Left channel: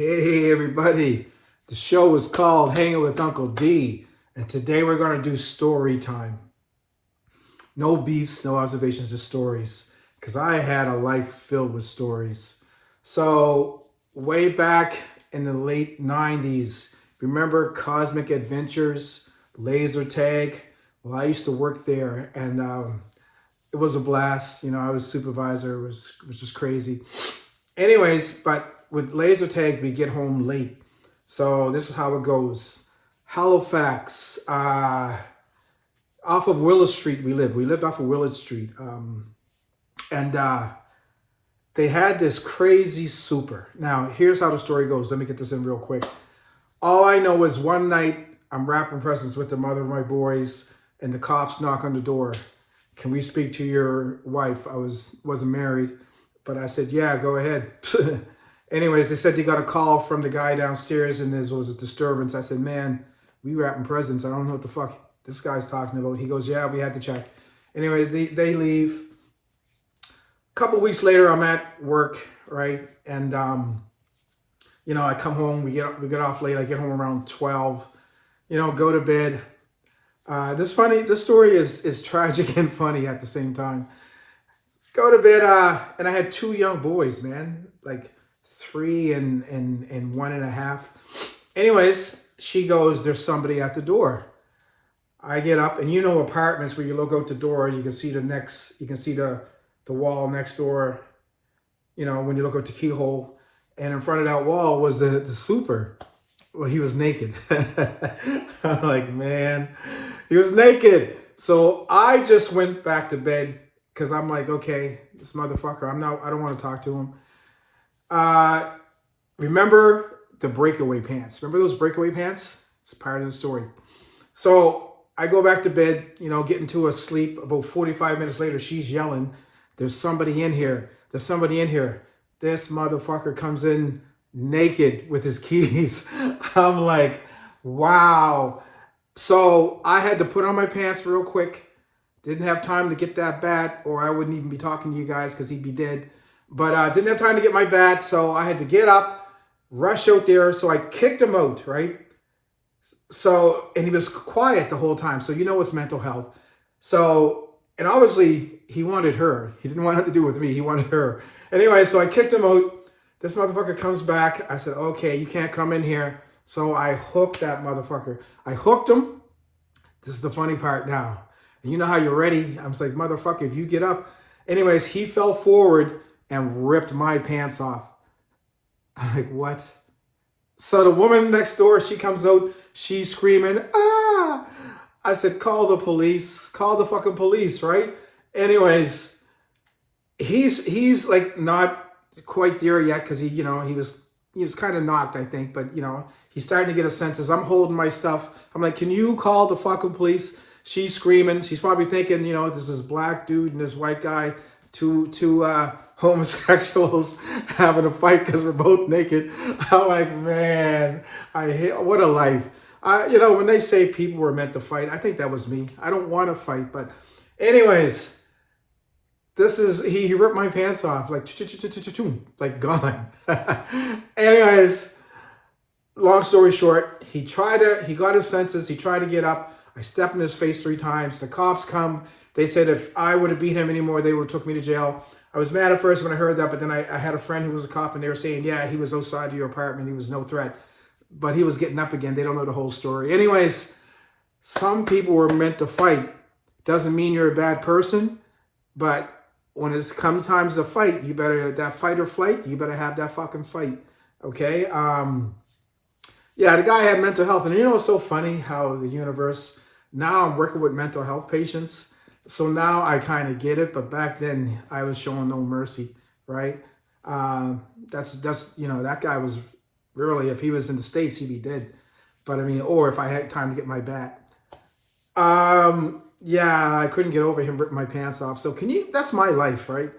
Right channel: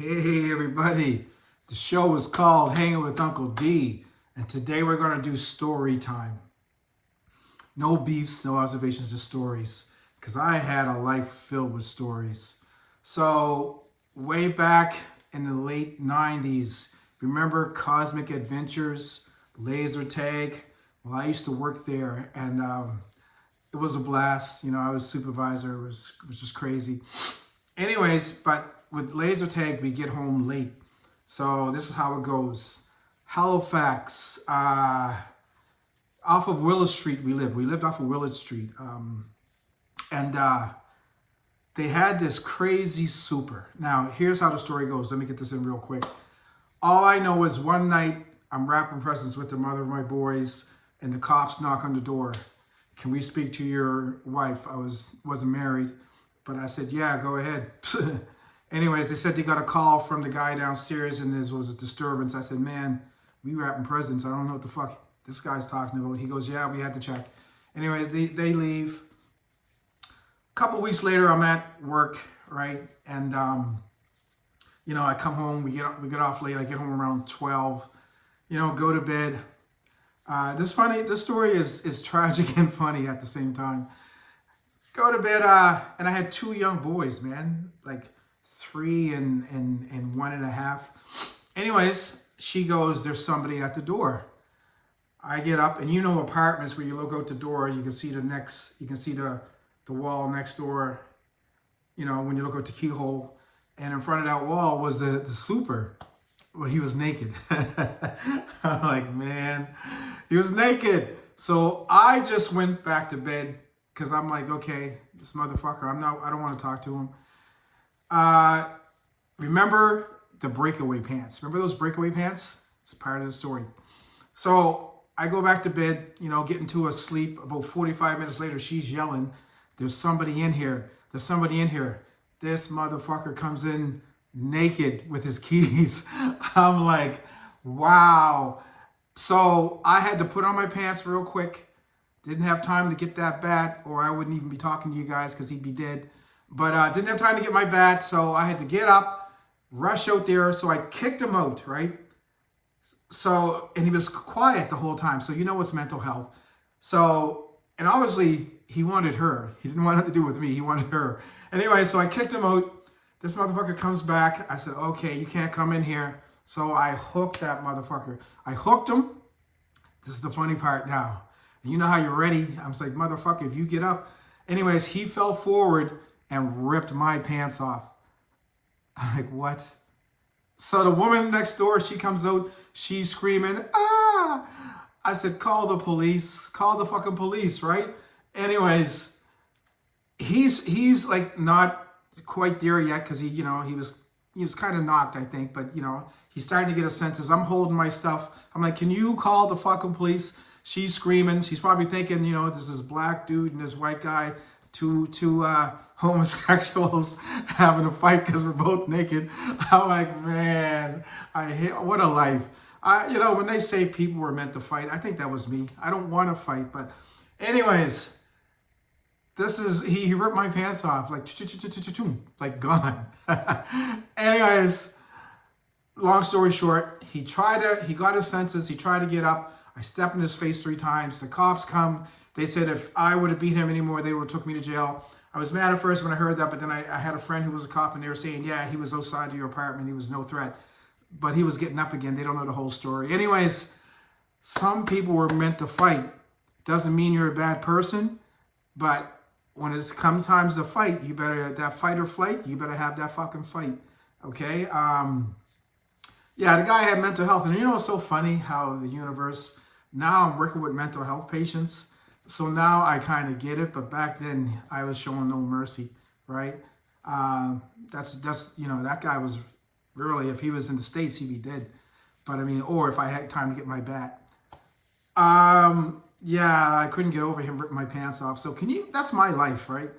Hey everybody, the show is called Hanging with Uncle D, and today we're going to do story time. No beefs, no observations, just stories, because I had a life filled with stories. So, way back in the late 90s, remember Cosmic Adventures, laser tag? Well, I used to work there, and it was a blast. You know, I was supervisor, it was just crazy. Anyways, but with laser tag, we get home late. So this is how it goes. Halifax, off of Willard Street we lived. We lived off of Willard Street. And they had this crazy super. Now, here's how the story goes. Let me get this in real quick. All I know is one night I'm wrapping presents with the mother of my boys, and the cops knock on the door. Can we speak to your wife? I wasn't married, but I said, yeah, go ahead. Anyways, they said they got a call from the guy downstairs and there was a disturbance. I said, man, we wrapping presents. I don't know what the fuck this guy's talking about. He goes, yeah, we had to check. Anyways, they leave. A couple weeks later, I'm at work, right? And, you know, I come home, we get off late. I get home around 12, you know, go to bed. This story is tragic and funny at the same time. Go to bed, and I had two young boys, man, like 3 and 1.5. Anyways, she goes, there's somebody at the door. I get up, and you know apartments where you look out the door, you can see the wall next door, you know, when you look out the keyhole. And in front of that wall was the super. Well, he was naked. I'm like, man, he was naked. So I just went back to bed because I'm like, okay, this motherfucker, I don't want to talk to him. Remember the breakaway pants? Remember those breakaway pants? It's part of the story. So I go back to bed, you know, get into a sleep. About 45 minutes later, she's yelling, there's somebody in here. There's somebody in here. This motherfucker comes in naked with his keys. I'm like, wow. So I had to put on my pants real quick. Didn't have time to get that bat, or I wouldn't even be talking to you guys because he'd be dead. But didn't have time to get my bat, so I had to get up, rush out there. So I kicked him out, right? So, and he was quiet the whole time. So you know it's mental health. So, and obviously he wanted her. He didn't want nothing to do with me. He wanted her. Anyway, so I kicked him out. This motherfucker comes back. I said, okay, you can't come in here. So I hooked that motherfucker. I hooked him. This is the funny part now. And you know how you're ready. I was like, motherfucker, if you get up. Anyways, he fell forward and ripped my pants off. I'm like, what? So the woman next door, she comes out. She's screaming, ah! I said, call the police. Call the fucking police, right? Anyways, he's like not quite there yet because he was kind of knocked, I think, but you know, he's starting to get his senses. I'm holding my stuff. I'm like, can you call the fucking police? She's screaming. She's probably thinking, you know, there's this black dude and this white guy, two homosexuals having a fight because we're both naked. I'm like, man, what a life. You know, when they say people were meant to fight, I think that was me. I don't want to fight, but anyways, he ripped my pants off, like gone. Anyways, long story short, he got his senses, he tried to get up. I stepped in his face 3 times. The cops come. They said if I would have beat him anymore, they would have took me to jail. I was mad at first when I heard that, but then I had a friend who was a cop, and they were saying, yeah, he was outside of your apartment. He was no threat. But he was getting up again. They don't know the whole story. Anyways, some people were meant to fight. Doesn't mean you're a bad person, but when it comes times to fight, you better, that fight or flight, you better have that fucking fight, okay? Yeah, the guy had mental health. And you know, it's so funny how the universe, now I'm working with mental health patients. So now I kind of get it. But back then I was showing no mercy, right? That's you know, that guy was really, if he was in the States, he'd be dead. But I mean, or if I had time to get my bat. Yeah, I couldn't get over him ripping my pants off. So that's my life, right?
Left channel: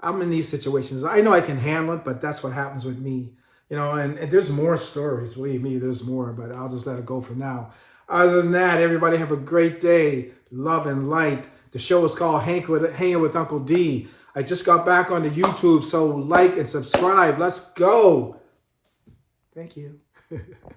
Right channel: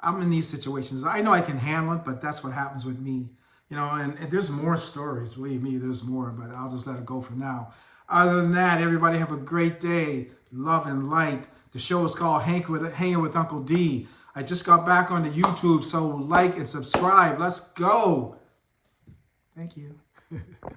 I'm in these situations. I know I can handle it, but that's what happens with me. You know, and there's more stories. Believe me, there's more, but I'll just let it go for now. Other than that, everybody have a great day. Love and light. The show is called Hanging with Uncle D. I just got back onto YouTube, so like and subscribe. Let's go. Thank you.